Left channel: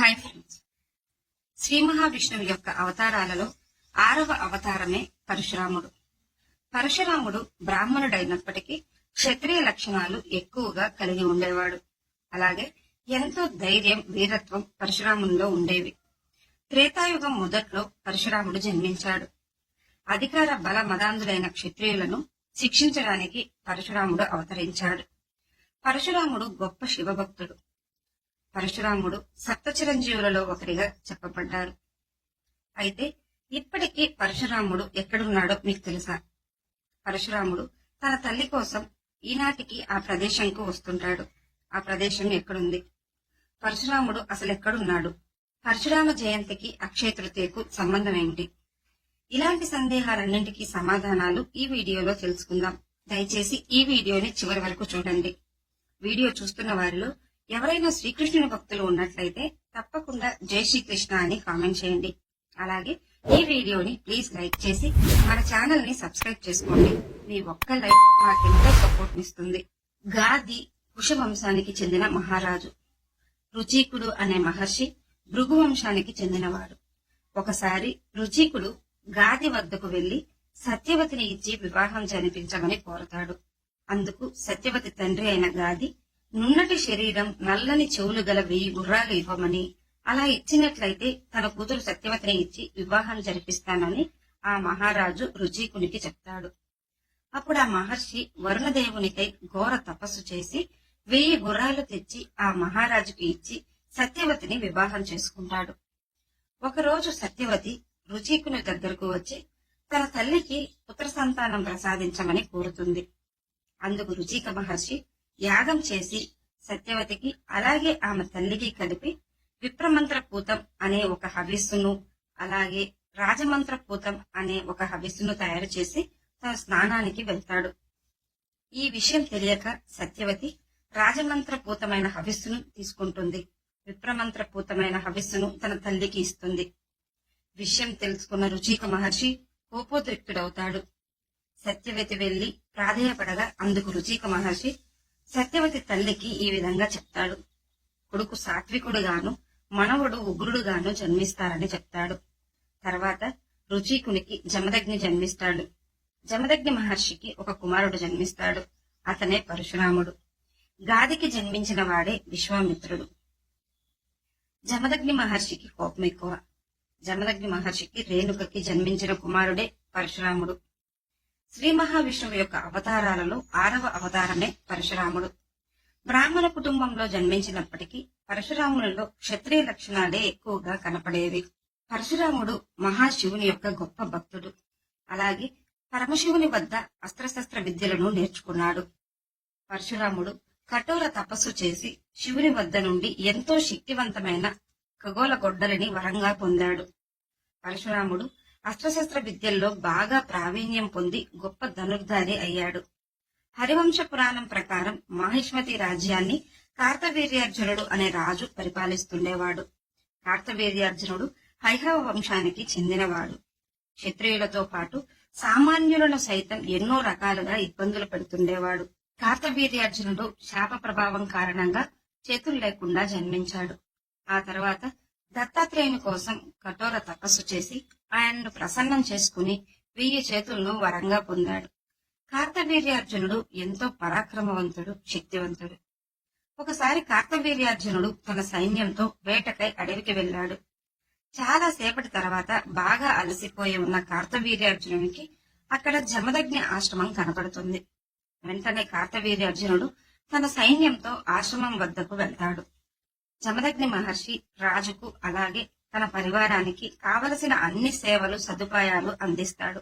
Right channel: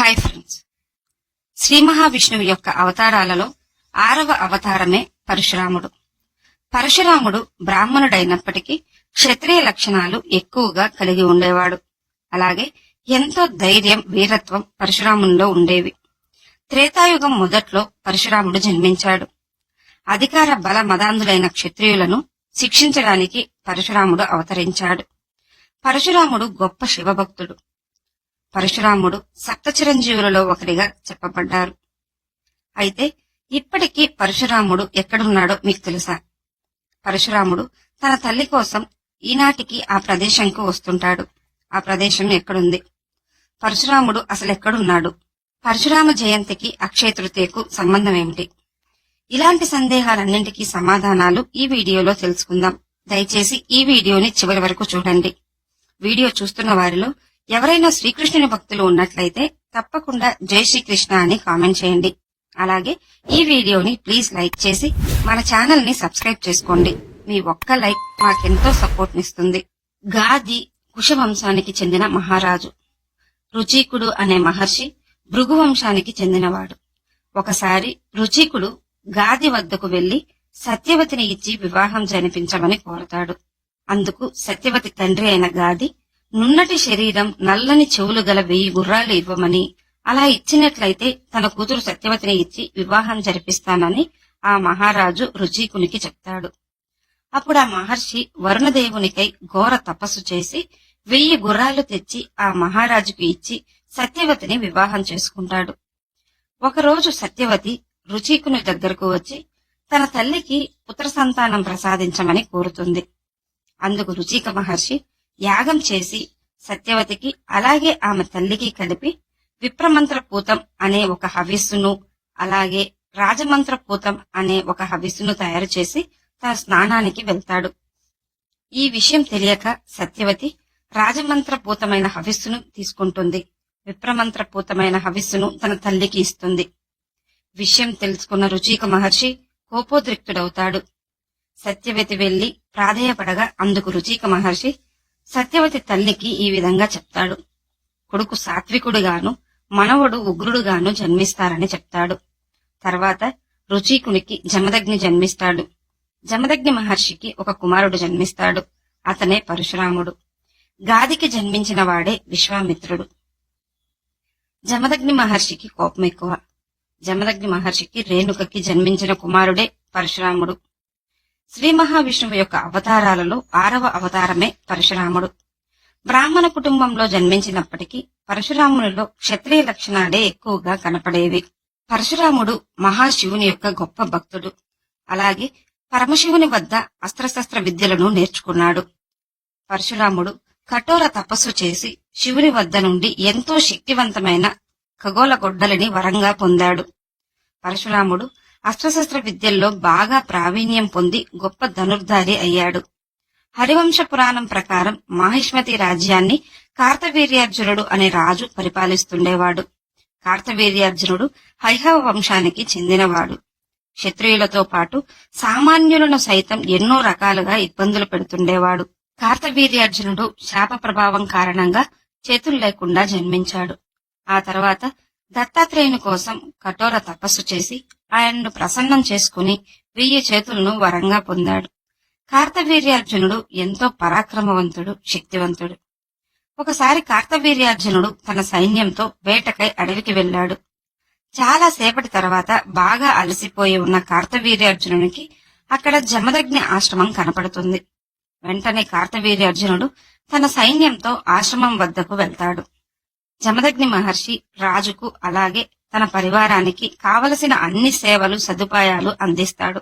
Hi friends, Shri మహావిష్ణువు యొక్క అవతారాలలో 6వ అవతారమే పరశురాముడు. పరశురాముడు బ్రాహ్మణుడైనప్పటికీ క్షత్రియ లక్షణాలు ఎక్కువగా కలిగి ఉండేవాడు. అలాగే ఎంతో ధైర్యం, వీరత్వం పరశురామునిలో ఉండేవి. త్రేతాయుగం మొదట్లో పరశురాముడు జన్మించాడు. అధికార బల మదాంధులైన క్షత్రియులను శిక్షించడానికి పరశురాముడు అవతరించాడు. పరశురాముడు గొప్ప శివభక్తుడు. పరశురాముడు సప్త చిరంజీవులలో ఒకరిగా చెప్పబడ్డారు. అయితే ఇప్పటికీ పరశురాముడు ఎక్కడున్నాడో మీకు తెలుసా? పరశురాముడు తన తల్లి కోసం ఈనాటికి ఆ ప్రదేశంకు వస్తుంటాడు. ఆ ప్రదేశం ఎక్కడుంది? పరశురాముడు అసలు ఎక్కడున్నాడు? పరశురామ జయంతికి అక్షయ తృతీయకు సంబంధం ఏమిటి? ఇలాంటి సందేహాలన్నింటికీ సమాధానాలు ఈ వీడియోలో తెలుసుకుందాం. దయచేసి ఈ వీడియోని చివరి వరకు చూడండి. వీడియో చూస్తున్న వారిలో ఎవరైనా శ్రీకృష్ణుని భక్తులు ఉన్నట్లయితే తప్పకుండా జై శ్రీకృష్ణ అని కామెంట్ చేయండి. అలాగే ఈ వీడియోని ప్లీజ్ లైక్ చేసి మన ఛానల్ ని సబ్స్క్రైబ్ చేసుకోండి. మీ ఒక్క లైక్ మాకెంతో సపోర్ట్ నిస్తుంది. గాది కుశవంశానికి చెందిన మహారాజు. రుచీకుడు అనే మహర్షి భృగు వంశానికి చెందినవాడు. ఒకసారి రుచీకుడు గాది వద్దకు వెళ్లి సత్యవతిని ఇచ్చి వివాహం జరిపించమని కోరతాడు. అందుకు సత్యవతి తండ్రి అయిన గాది నున్నటి శరీరం, నల్లని చెవులు గల 1000 గుర్రాలు ఇవ్వమని, అలా ఇచ్చినట్లయితే తన కూతురు సత్యవతిని ఇచ్చి వివాహం జరిపిస్తానని ఆ మహారాజు రుచీకునికి చెప్తాడు. అప్పుడు ఆ మహర్షి వరుణదేవునికై ఘోర తపస్సు చేసి 1000 గుర్రాలు తెచ్చి ఆ మహారాజుకు ఇచ్చి సత్యవతిని వివాహం చేసుకుంటాడు. ఒకరోజు సత్యవతి రుచీకుని దగ్గరకు వచ్చి తన తల్లికి పుత్ర సంతానం ప్రసాదించమని కోరుతుంది. అందుకు రుచీక మహర్షి యాగం చేసి సత్యవతికి అలాగే ఆమె తల్లికి కలిపి విప్రమంత్రపూతం అనే ఒక హవిస్సును, అలాగే రాజమంత్రపూతం అనే ఒక హవిస్సును తయారు చేసి తన స్నానానికి వెళ్తాడు. ఈ విషయం తెలియక సత్యవతి రాజమంత్రపూతమైన హవిస్సును తీసుకుంటుంది. విప్రమంత్రపూతమైన హవిస్సును తన తల్లికి ఇస్తుంది. విషయం తెలుసుకున్న రుచీక మహర్షి కోపోద్రిక్తుడవుతాడు. సత్యవతి వెళ్లి ప్రాధేయపడగా అందుకు రుచీక మహర్షి సత్యవతి తల్లికి ఈ విధంగా చెప్తాడు. కొడుకు సాత్వికుడుగాను, మనవడు ఉగ్రుడుగాను జన్మిస్తారని చెప్తాడు. తర్వాత రుచీకునికి జమదగ్ని జన్మిస్తాడు. జమదగ్ని మహర్షికి ఒక కుమారుడు జన్మిస్తాడు. అతనే పరశురాముడు. గాదికి జన్మించిన వాడే విశ్వామిత్రుడు. జమదగ్ని మహర్షికి కోపం ఎక్కువ. జమదగ్ని మహర్షికి రేణుకకి జన్మించిన కుమారుడే పరశురాముడు. శ్రీ మహావిష్ణువు యొక్క అవతారాలలో 6వ అవతారమే పరశురాముడు. బ్రాహ్మణ కుటుంబంలో జన్మించినప్పటికీ పరశురామునిలో క్షత్రియ లక్షణాలే ఎక్కువగా కనపడేవి. పరశురాముడు మహాశివుని యొక్క గొప్ప భక్తుడు. అలాగే పరమశివుని వద్ద అస్త్రశస్త్ర విద్యలను నేర్చుకున్నాడు. పరశురాముడు కఠోర తపస్సు చేసి శివుని వద్ద నుండి ఎంతో శక్తివంతమైన ఖగోళ గొడ్డలిని వరంగా పొందాడు. పరశురాముడు అస్త్రశస్త్ర విద్యల్లో బాగా ప్రావీణ్యం పొంది గొప్ప ధనుర్ధారి అయ్యాడు. హరివంశ పురాణం ప్రకారం మాహిష్మతి రాజ్యాన్ని కార్తవీర్యార్జునుడు అనే రాజు పరిపాలిస్తుండేవాడు. కార్తవీర్యార్జునుడు హైహవ వంశానికి చెందినవాడు. క్షత్రియులతో పాటు సామాన్యులను సైతం ఎన్నో రకాలుగా ఇబ్బందులు పెడుతుండేవాడు. కార్తవీర్యార్జునుడు శాప ప్రభావం కారణంగా చేతులు లేకుండా జన్మించాడు. ఆ తర్వాత దత్తాత్రేయుని కోసం కఠోర తపస్సు చేసి ఆయనను ప్రసన్నం చేసుకుని 1000 చేతులను వరంగా పొందాడు. కార్తవీర్యార్జునుడు ఎంతో పరాక్రమవంతుడు, శక్తివంతుడు. ఒకసారి కార్తవీర్యార్జునుడు తన సైన్యంతో వేటకై అడవికి వెళ్లాడు. చాలా సేపటి తర్వాత బాగా అలసిపోయి ఉన్న కార్తవీర్యార్జునునికి అక్కడ జమదగ్ని ఆశ్రమం కనపడుతుంది. వెంటనే కార్తవీర్యార్జునుడు తన సైన్యంతో ఆశ్రమం వద్దకు వెళ్తాడు. జమదగ్ని మహర్షి రాజుకు అలాగే తన పరివారానికి కావలసిన అన్ని సేవలు, సదుపాయాలు అందిస్తాడు.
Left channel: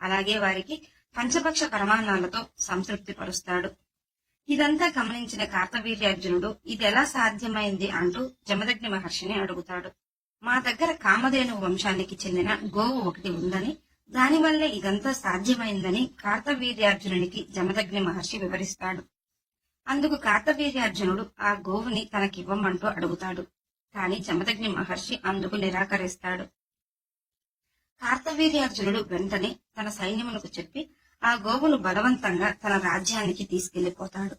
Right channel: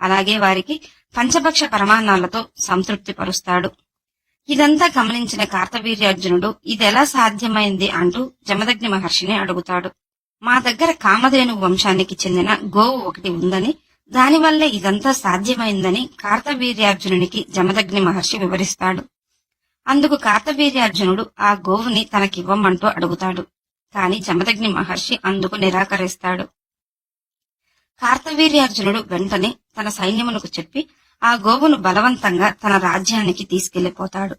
అలాగే వారికి పంచభక్ష పరమాన్నాలతో సంతృప్తి పరుస్తాడు. ఇదంతా గమనించిన కార్తవీర్యార్జునుడు ఇదెలా సాధ్యమైంది అంటూ జమదగ్ని మహర్షిని అడుగుతాడు. మా దగ్గర కామధేను వంశానికి చెందిన గోవు ఒకటి ఉందని, దానివల్లే ఇదంతా సాధ్యమైందని కార్తవీర్యార్జునునికి జమదగ్ని మహర్షి వివరిస్తాడు. అందుకు కార్తవీర్యార్జునుడు ఆ గోవుని తనకివ్వమంటూ అడుగుతాడు. కాని జమదగ్ని మహర్షి అందుకు నిరాకరిస్తాడు. కార్తవీర్యార్జునుడు వెంటనే తన సైన్యమునకు చెప్పి ఆ గోవును బలవంతంగా తన రాజ్యానికి తీసుకెళ్లిపోతాడు.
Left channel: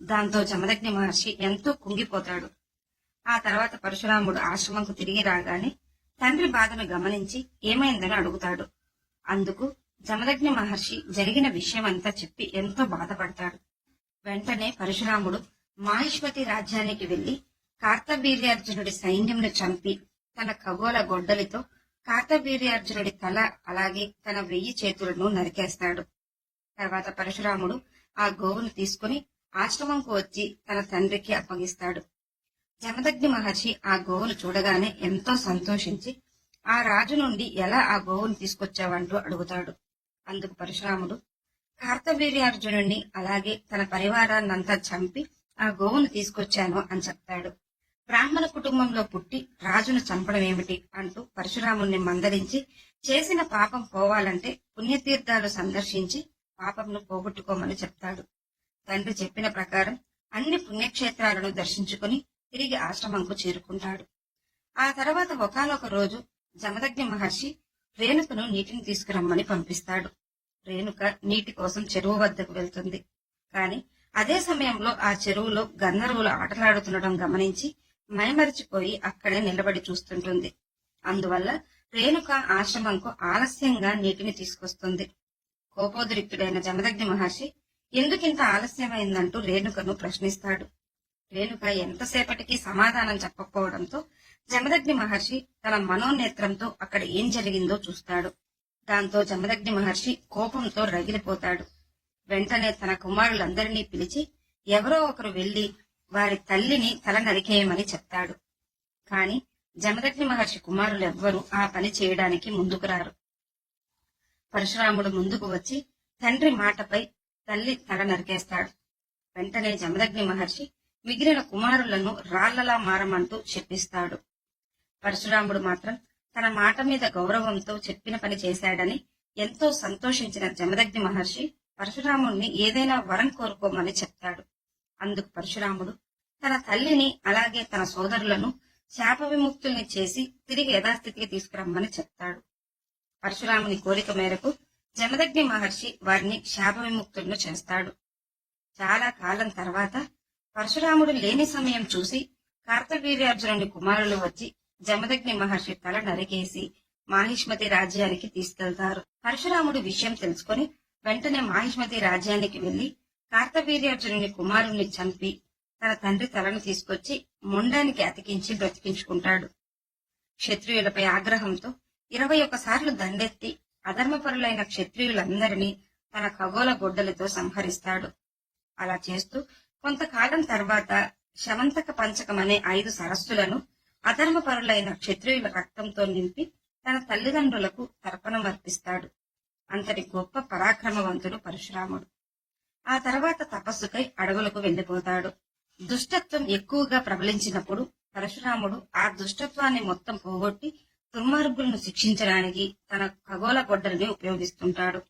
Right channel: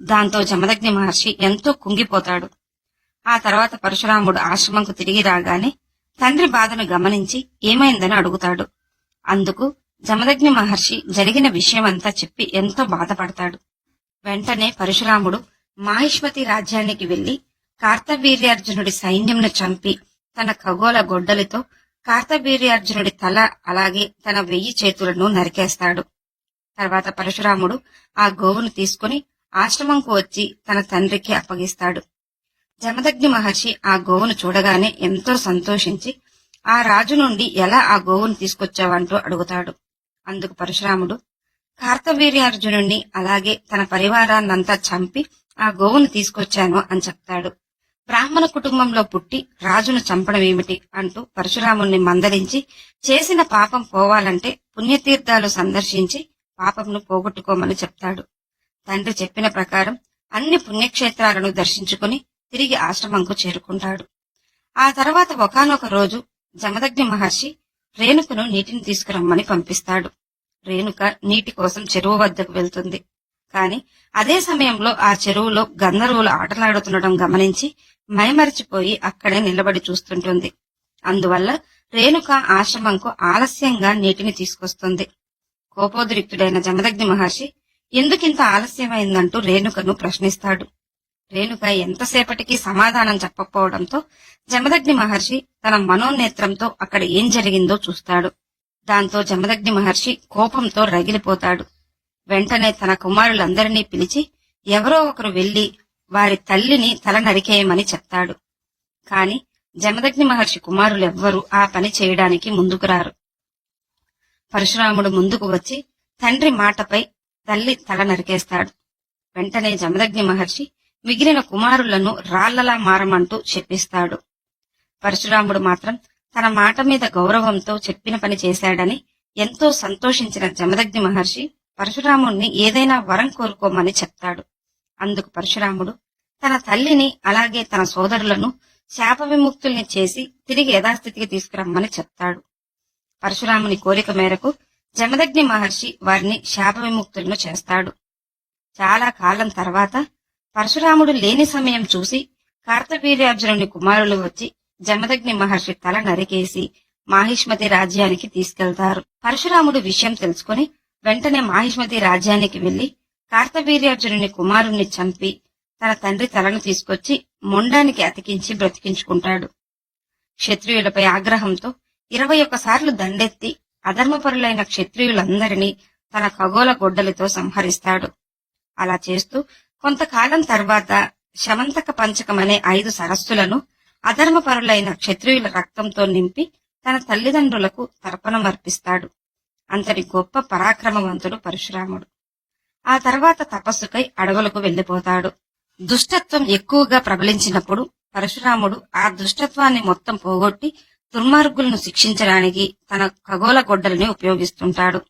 దాంతో జమదగ్ని మహర్షి ఎంతో కుంగిపోతాడు. ఆ తర్వాత పరశురాముడు ఆశ్రమంకు తిరిగి రాగానే తండ్రి బాధను గమనించి ఏమైందని అడుగుతాడు. అందుకు జమదగ్ని మహర్షి జరిగిన విషయమంతా చెప్పి ఎంతో బాధపడతాడు. వెంటనే పరశురాముడు మాహిష్మతి రాజ్యానికి వెళ్లి కార్తవీర్యార్జునుడి సైన్యంను చంపి తన ఖగోళ గొడ్డలితో కార్తవీర్యార్జునుడి తల అలాగే తన 1000 చేతులను నరికేస్తాడు. తర్వాత పరశురాముడు ఆ గోవును తీసుకుని ఆశ్రమంకు వచ్చి తన తండ్రికి అప్పగిస్తాడు. జమదగ్ని మహర్షి ఆ గోవును చూడగానే ఎంతో సంతోషించి ఆ రాజు నుండి ఎలా ఆ గోవును తీసుకొచ్చావంటూ అడుగుతాడు. అందుకు పరశురాముడు కార్తవీర్యార్జునుడిని అలాగే తన పరివారాన్నంతా చంపి ఆ గోవును తీసుకొచ్చాను అని చెప్తాడు. బ్రాహ్మణ కుటుంబంలో పుట్టి రాజును చంపడమేమిటి అంటూ పరశురాముణ్ణి మందలించి చేసిన పాపం పోవాలంటే పుణ్యతీర్థాలు సందర్శించి పాపంను పోగొట్టుకోమని చెప్తాడు. తండ్రి చెప్పిన ప్రకారం అన్ని పుణ్యక్షేత్రాలను దర్శించుకుని తిరిగి ఆశ్రమంకు చేరుకుంటాడు. ఆ తర్వాత ఒకానొక రోజు జమదగ్ని మహర్షి రేణుకను నీటిని తీసుకురమ్మని పంపిస్తాడు. రేణుక నీటి కోసం చెరువు వద్దకు వెళ్తుంది. కాని అదే సమయంలో ఆ చెరువులో గంధర్వులు ఆటలాడుతుండటం గమనించి మైమరిచిపోయి అక్కడే నిలబడి చూస్తుంటుంది. అందువల్ల రేణుక ఆశ్రమంకు ఆలస్యంగా నీటిని తీసుకొస్తుంది. కోపోద్రిక్తుడైన జమదగ్ని మహర్షి ఎందుకింత ఆలస్యమైందంటూ రేణుకను ప్రశ్నిస్తాడు. రేణుక ఎంతసేపటికి సమాధానం చెప్పకపోవడంతో జమదగ్ని మహర్షి తన మనోనేత్రంతో అక్కడ ఏం జరిగిందో చూస్తాడు. దాంతో జమదగ్ని మహర్షి కోపంతో రగిలిపోతాడు. వెంటనే తన కుమారులందరినీ పిలిచి ఎవరో ఒకరు వెళ్లి వారి తల్లిని తల నరికేయమని చెప్తాడు. కాని జమదగ్ని మహర్షి కుమారులెవ్వరూ ఆ పని చేయడానికి ముందుకు రారు. పరశురాముడు ముందుకు వచ్చి తండ్రి మాటపై తల్లి తల నరికేస్తాడు. వెంటనే జమదగ్ని మహర్షి మిగిలిన కుమారులను రాళ్లలా మారమంటూ చెప్పిస్తాడు. పరశురాముడు మాత్రం తన మాట మీద గౌరవంతో చెప్పిన పని చేశాడని ఎంతో సంతోషించిన జమదగ్ని మహర్షి పరశురాముణ్ణి ఏదైనా వరం కోరుకోమని చెప్తాడు. అందుకు పరశురాముడు తన తల్లిని అలాగే తన సోదరులను శాప విముక్తుల్ని చేసి తిరిగి యథాస్థితికి తీసుకురమ్మని చెప్తాడు. పరశురాముని కోరిక మేరకు జమదగ్ని మహర్షి వారిని శాప విముక్తులను చేస్తాడు. చాలా కాలం తర్వాత పరశురాముడు లేని సమయం చూసి కార్తవీర్యార్జునుని కుమారులు వచ్చి జమదగ్ని మహర్షి తల నరికేసి మాహిష్మతి రాజ్యానికి తీసుకెళ్తారు. పరశురాముడు విషయం తెలుసుకుని వెంటనే మాహిష్మతి రాజ్యానికి వెళ్లి కార్తవీర్యార్జునుని కుమారుణ్ణి చంపి తన తండ్రి తలను తీసుకొచ్చి మొండానికి అతికించి బ్రతికించుకుంటాడు. క్షత్రియులపై ఆగ్రహంతో 21 సార్లు దండెత్తి అధర్మపరులైన క్షత్రియులందరినీ తన ఖగోళ గొడ్డలితో సంహరిస్తాడు. అలా చేస్తూ కొంతకాలం తర్వాత శమంతక పంచకమనే 5 సరస్సులను అధర్మపరులైన క్షత్రియుల రక్తంతో నింపి తన తల్లిదండ్రులకు తర్పణం అర్పిస్తాడు. అంతటి గొప్ప పరాక్రమవంతుడు పరశురాముడు. ఆ తర్వాత తపస్సుకై అడవులకు వెళ్లిపోతాడు. దుష్టత్వం ఎక్కువగా ప్రబలించినప్పుడు పరశురాముడు ఆ దుష్టత్వాన్ని మొత్తం పోగొట్టి దుర్మార్గులను శిక్షించడానికి తన ఖగోళ గొడ్డలిని ఉపయోగిస్తుంటాడు.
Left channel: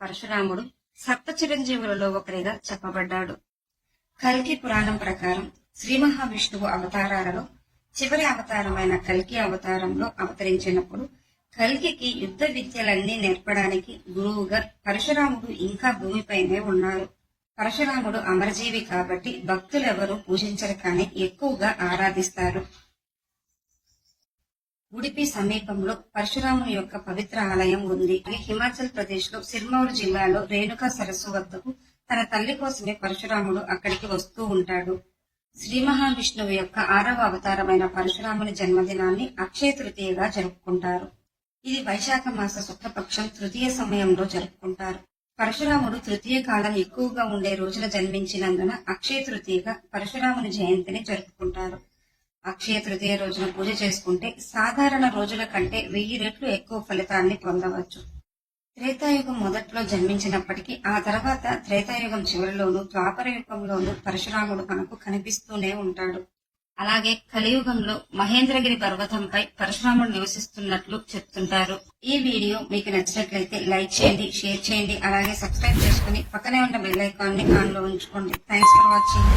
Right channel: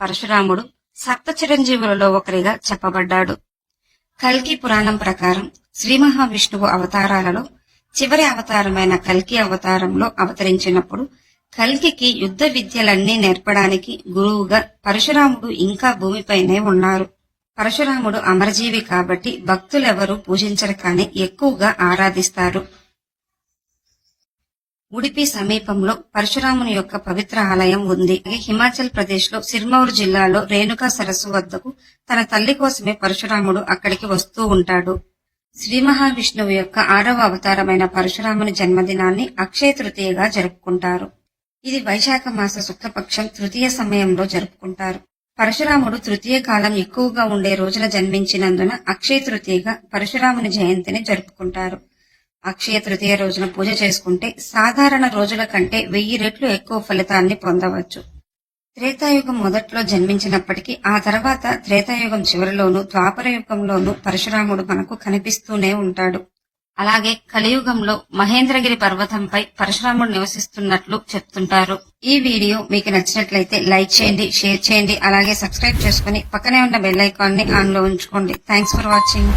పరశురాముడు సప్త చిరంజీవులలో ఒకరిగా చెప్పబడ్డాడు. కల్కి పురాణం ప్రకారం శ్రీ మహావిష్ణువు అవతారాలలో చివరి అవతారమైన కల్కి అవతారంలో అవతరించినప్పుడు కల్కికి యుద్ధ విద్యలన్నీ నేర్పడానికి గురువుగా పరశురాముడు ఇంకా భూమిపైనే ఉన్నారు. పరశురాముడు అమరజీవి కాబట్టి భక్తులెవరూ పూజించరు కానీ ఎక్కువగా ఆరాధిస్తారు. ఉడిపి సమీపంలో పరశురాముని యొక్క పవిత్ర ఆలయం ఉంది. హిమాచల్ ప్రదేశ్ లో సిర్మౌర్ జిల్లాలో రేణుకా సరస్సు వద్దకు తన తల్లి కోసమే పరశురాముడు అక్కడికి వస్తూ ఉంటాడు. శ్రీ మహావిష్ణువు యొక్క 6వ అవతారమైన పరశురాముని జన్మదినాన్ని అక్షయ తృతీయగా జరుపుకుంటారు. ఇది వైశాఖ మాస శుక్లపక్షం తృతీయ సమయంలో జరుపుకుంటారు. పరశురాముడు తృతీయ కాలం ఎక్కువగా ఉండే రోజున జన్మించినందున అక్షయ తృతీయగా పరశురాముని జయంతిని జరుపుకుంటారు. అక్షయ తృతీయ రోజున పూజ చేసుకుంటే సాధారణ రోజుల కంటే 1000 రెట్లు ఎక్కువ ఫలితాన్ని పొందవచ్చు. త్రేతాయుగం మొదట్లో జన్మించినప్పటికీ ఆ తర్వాత త్రేతాయుగం చివరిలోనూ ద్వాపర యుగంలోనూ పరశురాముడు మనకు కనిపిస్తూనే ఉంటాడు. అలాగే కలియుగంలో మహేంద్రగిరి పర్వతంపై పరశురాముడు నివసిస్తున్నట్లు చెప్తుంటారు. ఈ వీడియో మీకు నచ్చినట్లయితే లైక్ చేయండి, షేర్ చేయండి, అలాగే సబ్స్క్రైబ్ చేసుకుని పక్కనే ఉన్న బెల్ ఐకాన్ ని ఆన్ లో ఉంచుకోండి. Thanks for watching.